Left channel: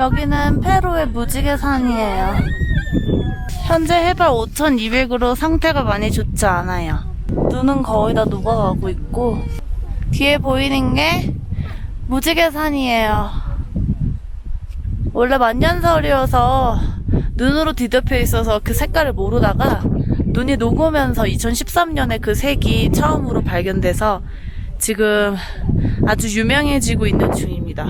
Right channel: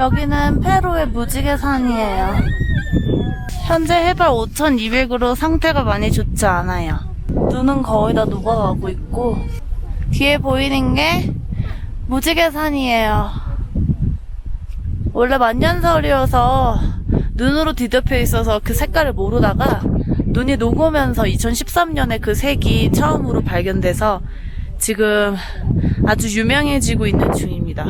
여기는 페루의 무지개산이에요. 현재 해발 5200으로 상태가 많이 좋지 않아요. 눈은 거의 다 녹아가고 있고 뒤에 보이는 게 무지개산이에요. 원래 만년설이어서 눈으로 뒤덮여 있어서 그 색깔을 모르다가 눈이 녹으면서 2013년에 그 색이 처음으로 발견돼서 지금 아주 유명해지고 있는 중입니다.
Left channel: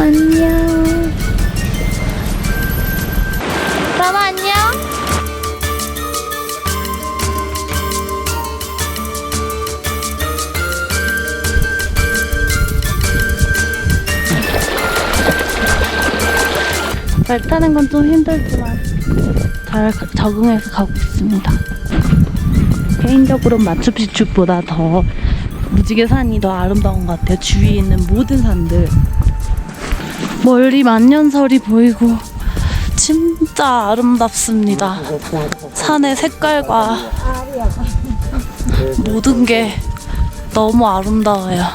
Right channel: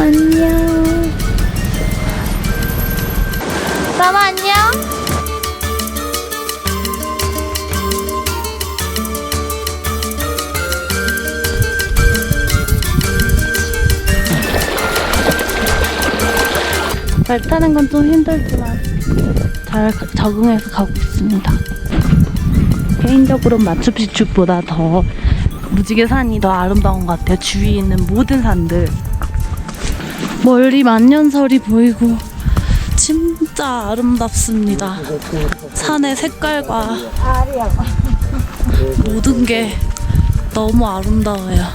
안녕. 라마 안녕. 말 타는 건 좀 힘들지만 잘 적응해서 가고 있습니다. 개인적으로 마추픽추보다 더 무지개산이 더 아름다운 것 같아요. 주위에 있는 모든 산들. 멀리 만년설이 보이고 진짜 아름답습니다. 산의 색깔과 모든 게 너무 아름다워요.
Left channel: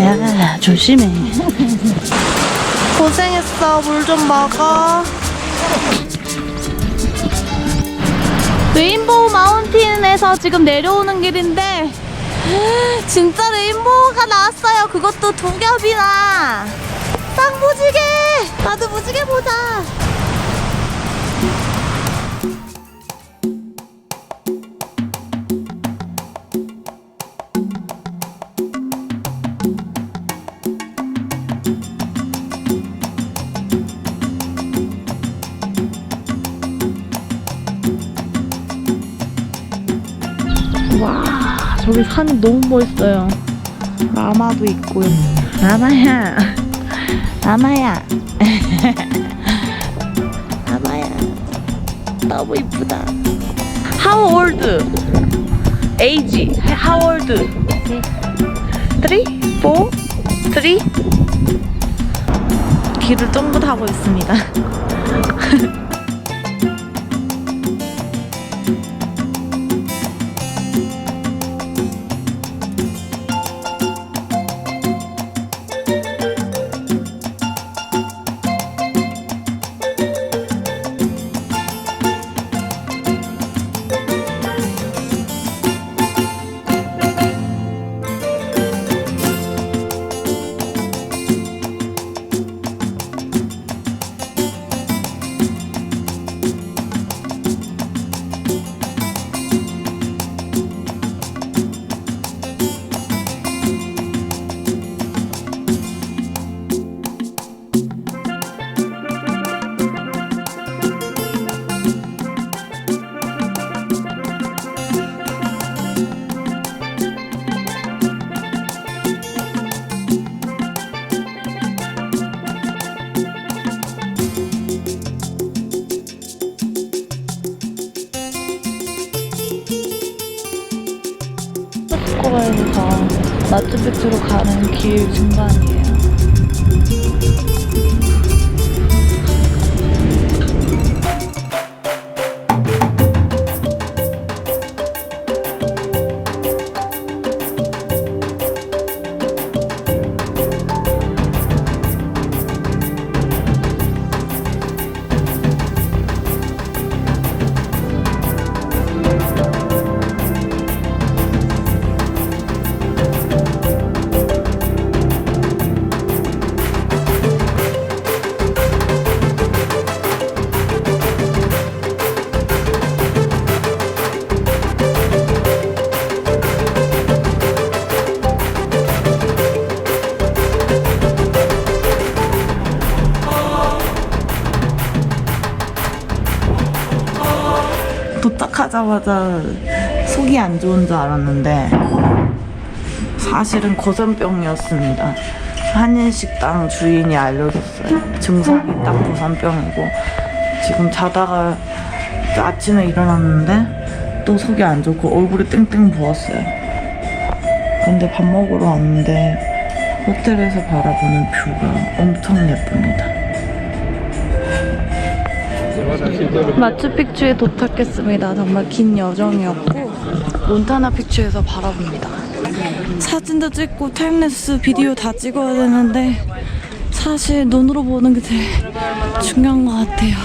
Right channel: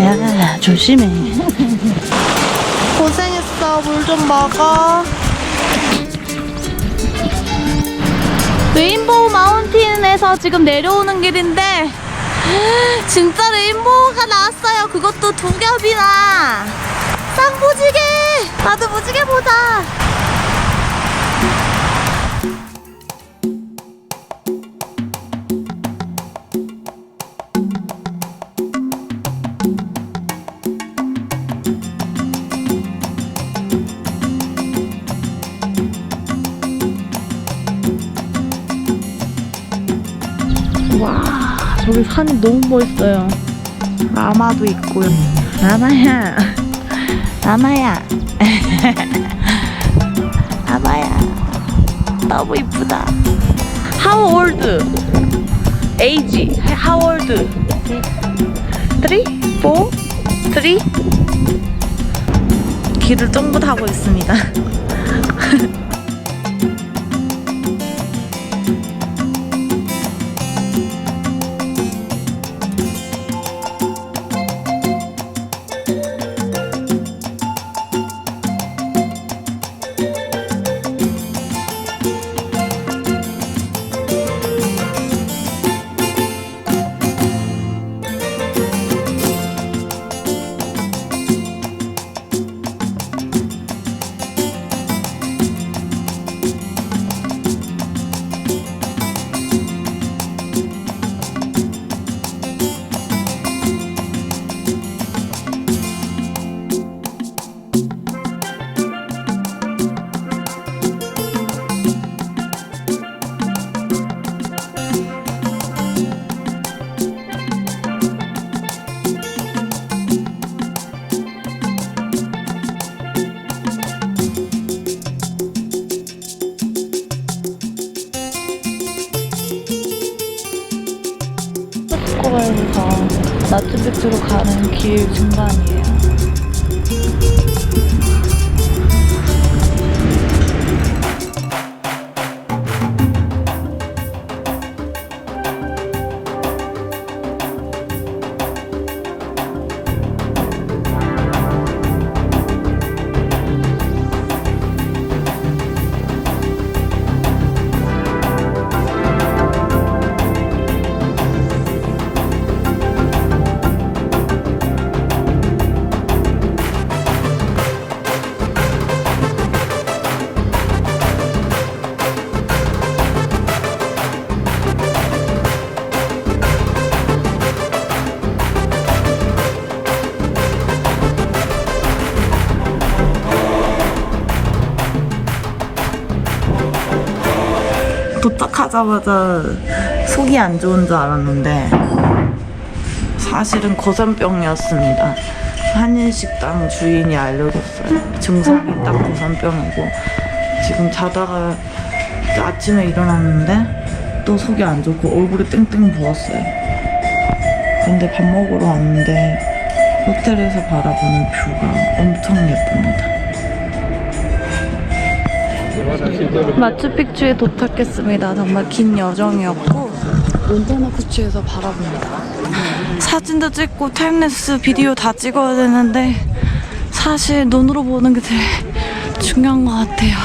야, 조심해. 고생했어. 물 좀 먹어. 레인보우 마운틴에서 지금 내려오는 길인데 진짜 레인보우가 나왔어요. 그것도 두 겹이나. 쌍무지개. 나도 무지개 보자. 와, 저기 산이 너무 멋있어요. 라마도 있고요. 라마야. 라마야. 라마야. 너무 이쁘다. How old? Age? How old? 3? 4? 3? 길을 쫑긋 하고 있습니다. 쿠스코에서 마추픽추로 가는 길 중간이에요. 도착하자마자 속이 안 좋은 줄 알았는데 사실은 고산병이었습니다. 한인식당 주인이 알려줬어요. 증상이 딱 고산병이고 지금 자다가 아침에 일어났는데 또 속이 안 좋고 얼굴이 땡땡 부었어요. 근데 밥 먹으러 왔는데 호텔에서 바라보는 뷰가 엄청 예쁩니다. 마추픽추에 도착했습니다. 정말 긴 여정이었고 몬타나 픽추에서 바라봅니다. 사진도 찍고 타임랩스 비디오 다 찍어야 되는데 사실 눈으로 보는 게 제일 중요한 것 같아요.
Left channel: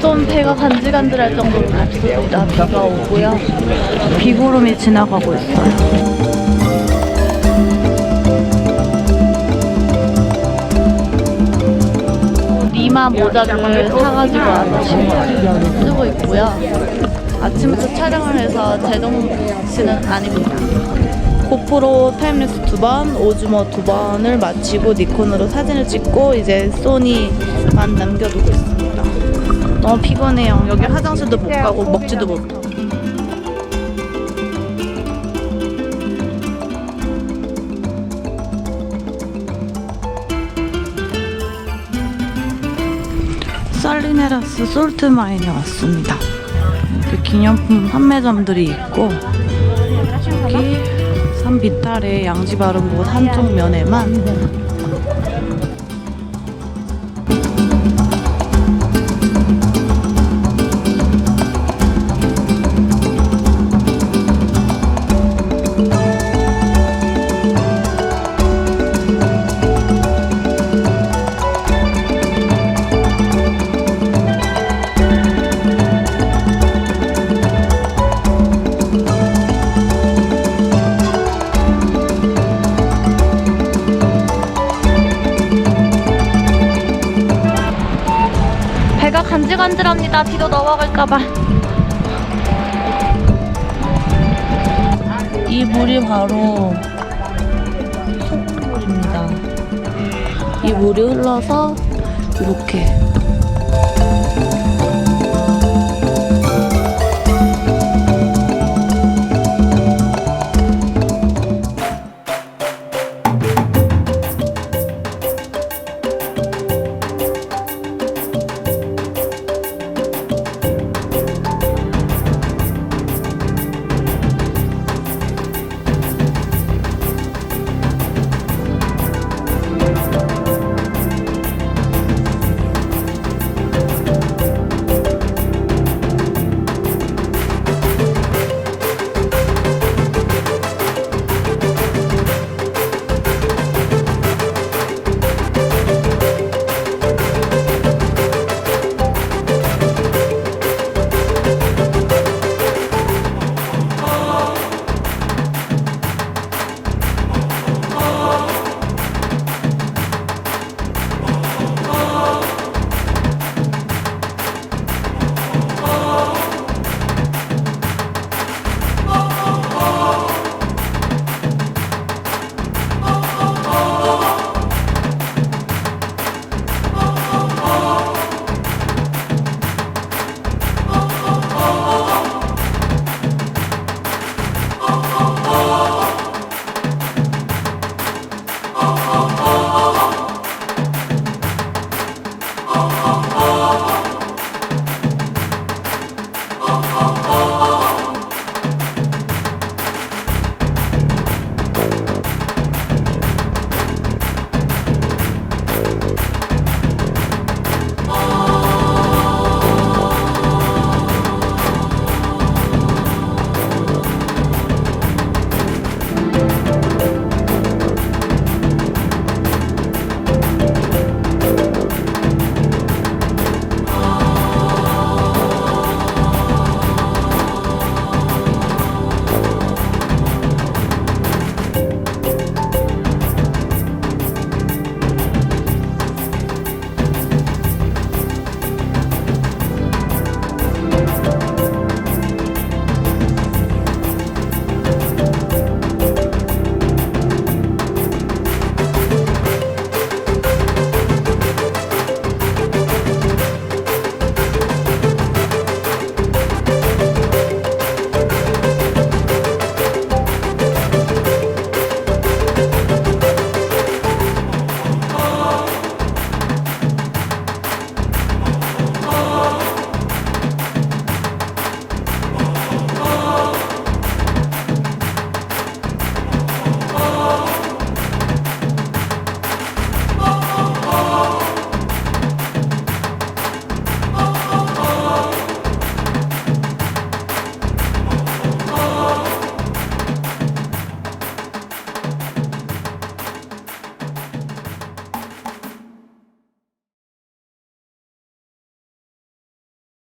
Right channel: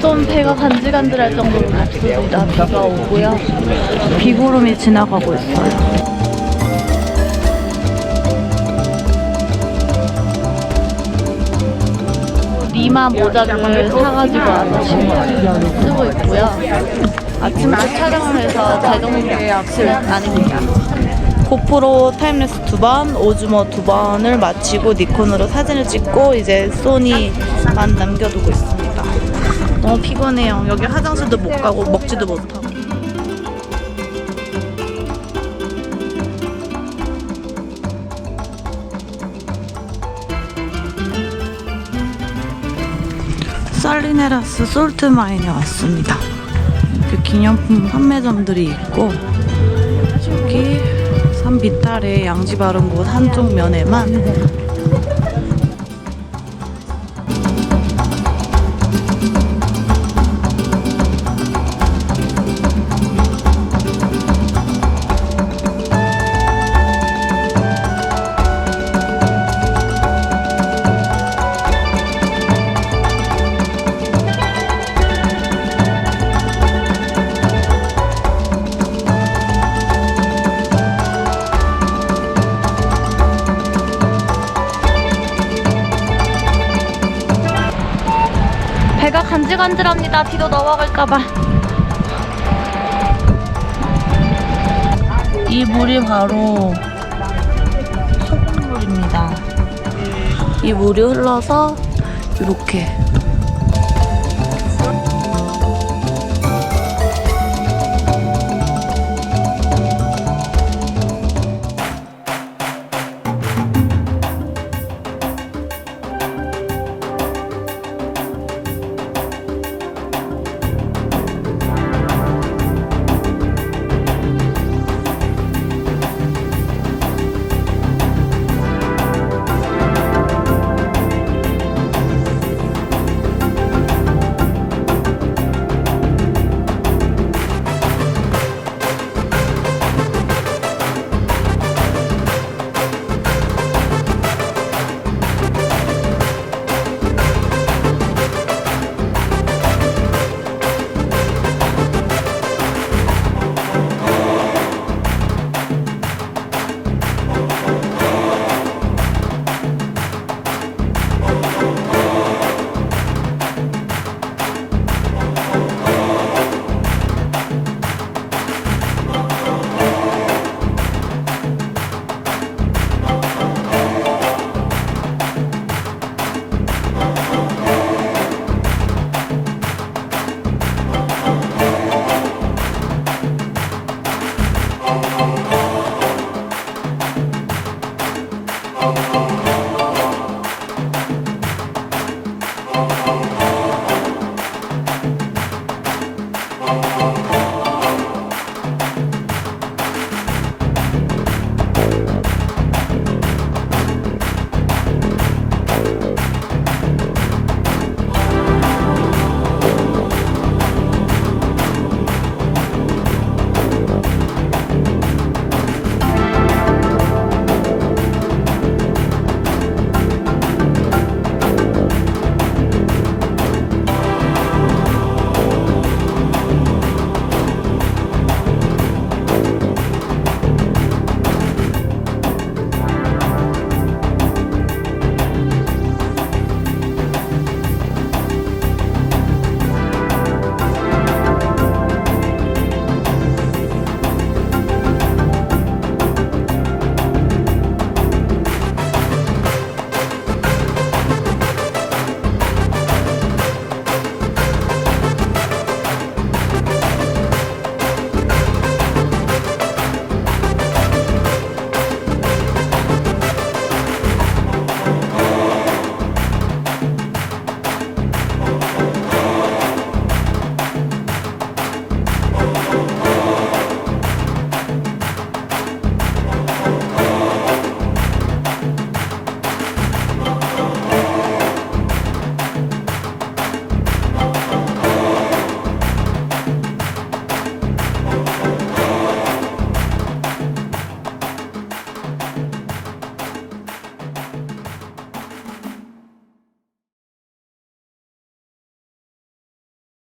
좀 배가 간질간질할 정도로 덥습니다. 비가 오고요. 비구름이 지나가고 있어요. 리마 모자를 사가지고 와서 지금 쓰고 있고요. 아침부터 촬영을 해서 제정신은 아닙니다. 고프로 타임랩스 2번, 오즈모 2번을 마치고 니콘으로 사진을 찍고 이제 소니만 남겨두고 있습니다. 너무 피곤해요. 여기 화장실도 못 가고 먹지도 못하고. 살리네라스 솔트마인에 왔습니다. 이렇게 기념품 판매점들이 있고 여기 산비탈의 양지 바른 곳 한쪽 면에만 배가 간질간질합니다. 비도 넘어갈까봐. 이 물이 바로 소금물입니다. 이 물이 흘러서 이렇게